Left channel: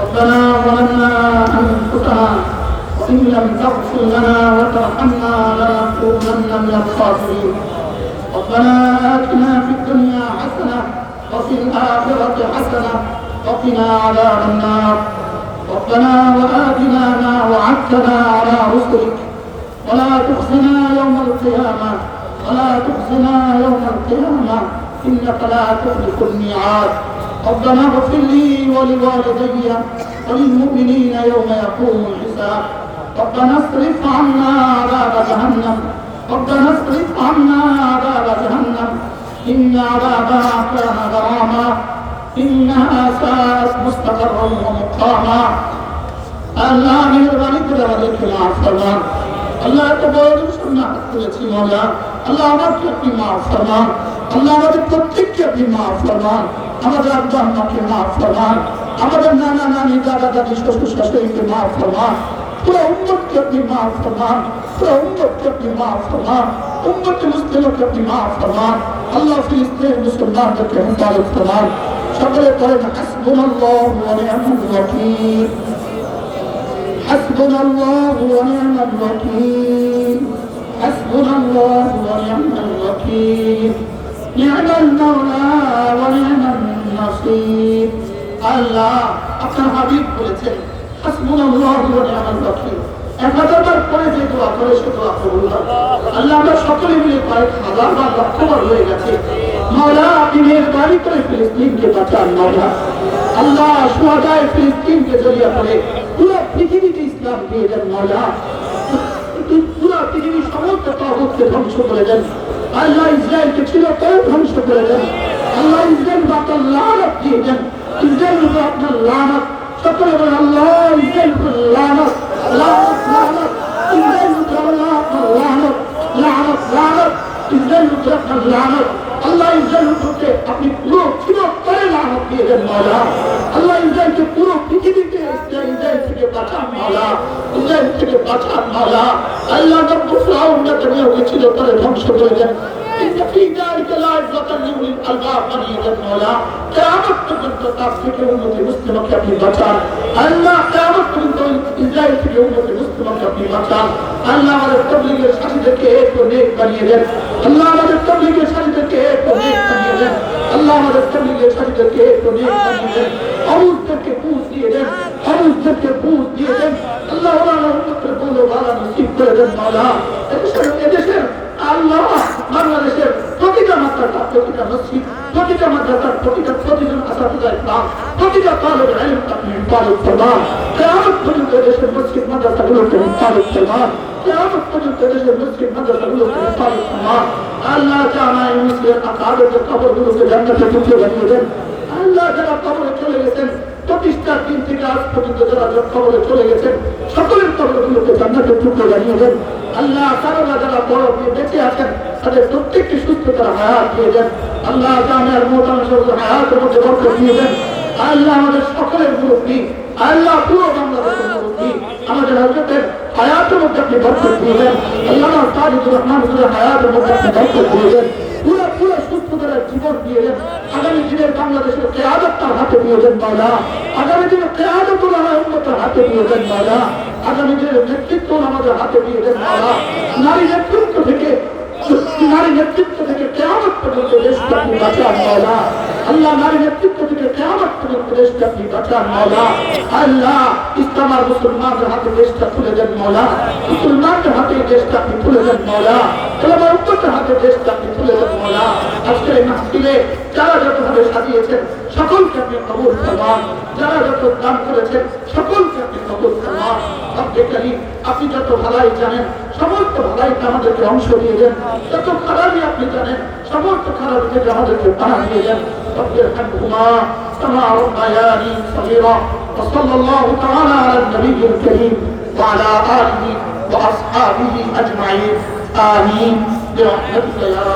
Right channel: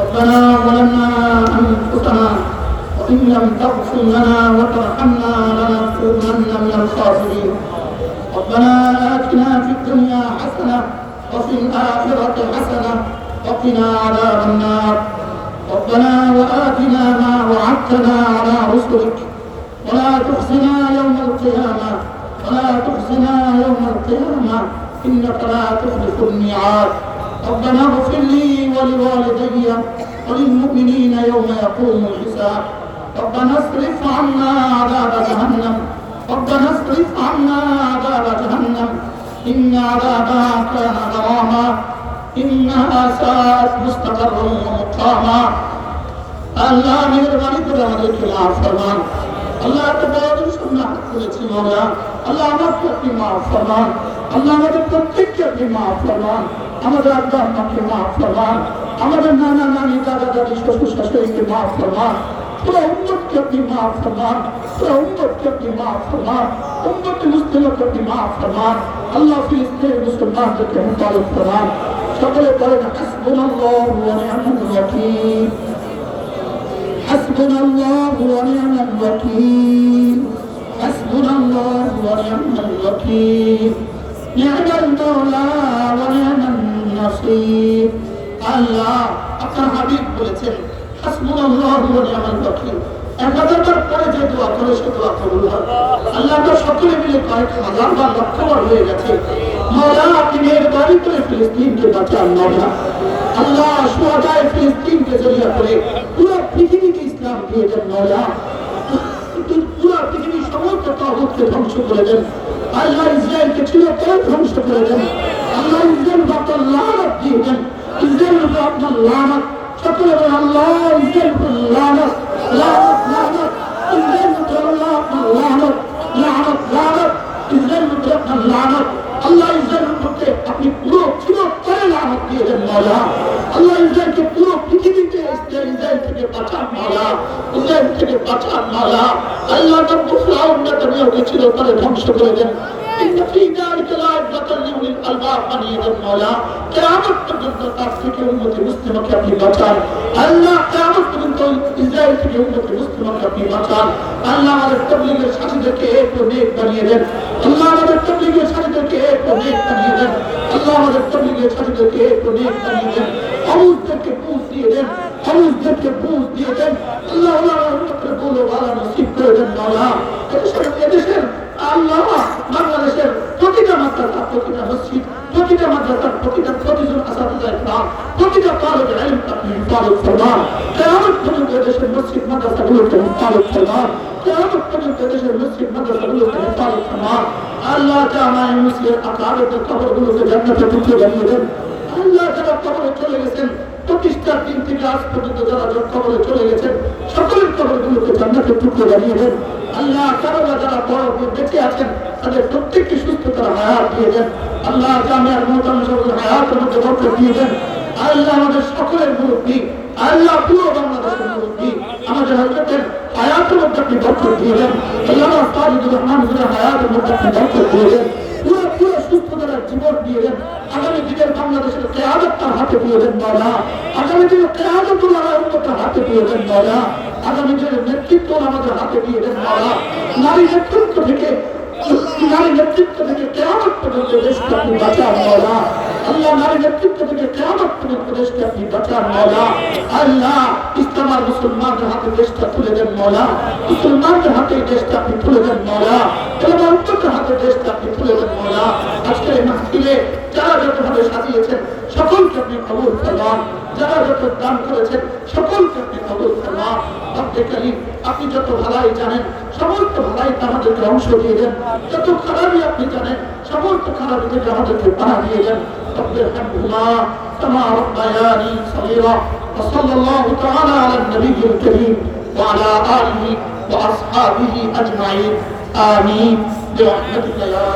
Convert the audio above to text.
ربنا ظلمنا أنفسنا وإن لم تغفر لنا وترحمنا لنكونن من الخاسرين ربنا آتنا في الدنيا حسنة وفي الآخرة حسنة وقنا عذاب النار ربنا وآتنا ما وعدتنا على رسلك. ولا تخزنا يوم القيامة. ولا تخزنا يوم القيامة. إنك لا تخلف الميعاد. ربنا اغفر لي ولوالدي وللمؤمنين يوم يقوم الحساب. ربنا اصرف عنا عذاب جهنم. ربنا اصرف عنا عذاب جهنم. إن عذابها كان غراما. إنها ساءت مستقرا ومقاما. আল্লাহ মেহরবানি করে আমাদের খেলাফ ফরমান। আল্লাহ এত বড় সুন্নাহ করেছি মাওলা আল্লাহ আমাকে আপনি মাফ ফরমান। আল্লাহ আমাদের প্রত্যেককে আপনি মাফ ফরমান। আমাদের আব্বা আম্মাকে মাফ ফরমান। আমাদের নানা নানি, দাদা দাদি, শ্বশুর শাশুড়িকে মাফ ফরমান। পুরো উম্মতকে আপনি মাফ ফরমান। পুরো উম্মতকে আপনি মাফ ফরমান। উম্মত মুসলিমকে আপনি মাফ ফরমান। আল্লাহ ফিলিস্তিন মুসলমানদেরকে হেফাজত ফরমান। সকলে করেন হাসবুনাল্লাহু ওয়া নি'মাল ওয়াকিল। حسبنا الله ونعم الوكيل حسبنا الله ونعم الوكيل نعم المولى ونعم النصير আল্লাহ আপনার হাবিব বলেছেন হাসবুনাল্লাহু ওয়া নি'মাল ওয়াকিল এবাদতের পরে যে দোয়া করে সে দোয়া কবুল হয় আল্লাহ আমরা সকলে মিলে কয়েক হাজার বা লক্ষ বার হয়ে গেছে মাওলা আপনি মেহরবানি করে ফিলিস্তিনকে বাঁচান মাওলা আল্লাহ সুহাদায় মাওলা পুরো পৃথিবীর সমস্ত তাগুতকে ধ্বংস করে দেন। আল্লাহ ইসরায়েলকে চিরতরে ধ্বংস করে দেন। আল্লাহ ইসরায়েল বাতাল লানত দিয়ে দেন। ইসরায়েল উপর আপনার লানত। সকলে বলেন আল্লাহ, ইসরায়েল উপর লানত। লানত লানত। ইসরায়েল উপর আল্লাহ আপনার লানত। লানত লানত। ইসরায়েল উপর আপনার লানত। আল্লাহ আপনি পুরো চিরতরে মাওলা দিয়ে তারা ধ্বংস করে দেন কিন্তু কি দাঁড়িয়ে লাজ্জাতাল লিউলিল আলবাব বানিয়ে মাওলা কিয়ামত পর্যন্ত তার থেকে উম্মতে মুসলিমাকে আপনি বাঁচান। আল্লাহ কিয়ামত পর্যন্ত ইসরায়েল থেকে উম্মতে মুসলিমাকে আপনি বাঁচান। আল্লাহ আমাদের তবলিগের সাথীদেরকে এক ও নেক বানিয়ে দেন। আল্লাহ আমাদের তবলিগের আল্লাহ আমাদের প্রতিটা ফরমান আল্লাহ যারা কবরে প্রতিষ্ঠার দিন থেকে আজ পর্যন্ত যারা চলে গেছেন, সকলের কবরগুলোকে জান্নাতে টুকরে জানিয়ে দেন আল্লাহ যারা বড় বেঁচে আছেন তাদের প্রত্যেকটি সুস্থ তারা হায়াত দিয়ে দেন। আল্লাহ জামিয়ার মোতামসের হায়াতের মধ্যে বরকত দিয়ে দেন। আল্লাহ আমাদের সকলের মুরব্বী। আল্লাহ পুরো বাংলাদেশের মুরব্বী। আমাদের হজরতের হায়াতের মধ্যে আপনি বরকত দিয়ে দেন। আল্লাহ তাজুর রহমান হায়াতের মধ্যে আপনি বরকত দিয়ে দেন। পুরো পুরো সুস্থ তারা জীবন দিয়ে দেন। আগামী দিনের বাংলাদেশের কেয়াদত তার হাতে দিয়ে দেন মাওলা। আগামী দিনের কেয়াদত তার হাতে দিয়ে দেন মাওলা। আগামী দিনের নেতৃত্ব আমাদের হাতে দিয়ে দেন মাওলা। নারী নেতৃত্ব থেকে নারী নেতৃত্ব থেকে কেয়ামত পর্যন্ত দেশকে আপনি বাঁচান, মাওলা। আল্লাহ নারী নেতৃত্ব থেকে কেয়ামত পর্যন্ত দেশকে আপনি বাঁচান, মাওলা। আল্লাহ, ইসলামার মুসলমানদের হাতে দেশটা তুলে দেন, মাওলা। মুসলমানদের হাতে দেশটা আপনি তুলে দেন, মাওলা। তোমার উত্তরের হাতে দেশটা আপনি তুলে দেন, মাওলা। আজকের এই মাসিলে যারা যতভাবে সাজিয়েছেন, সকলকে আপনি কবুল করলাম যারা যত দান করেছেন, সকলকে আপনি কবুল করলাম আপনি যত ভালাই জানেন সমস্ত ভালাইতে আমাদেরকে অংশ দিয়ে দেন যত খারাপই আপনি জানেন সমস্ত খারাপ থেকে আমাদেরকে পাড়া দিয়ে দেন রব্বে রহমহুমা كما ربياني صغيرا وصلى الله تعالى على النبي الكريم وعلى اله واصحابه اجمعين امين برحمتك يا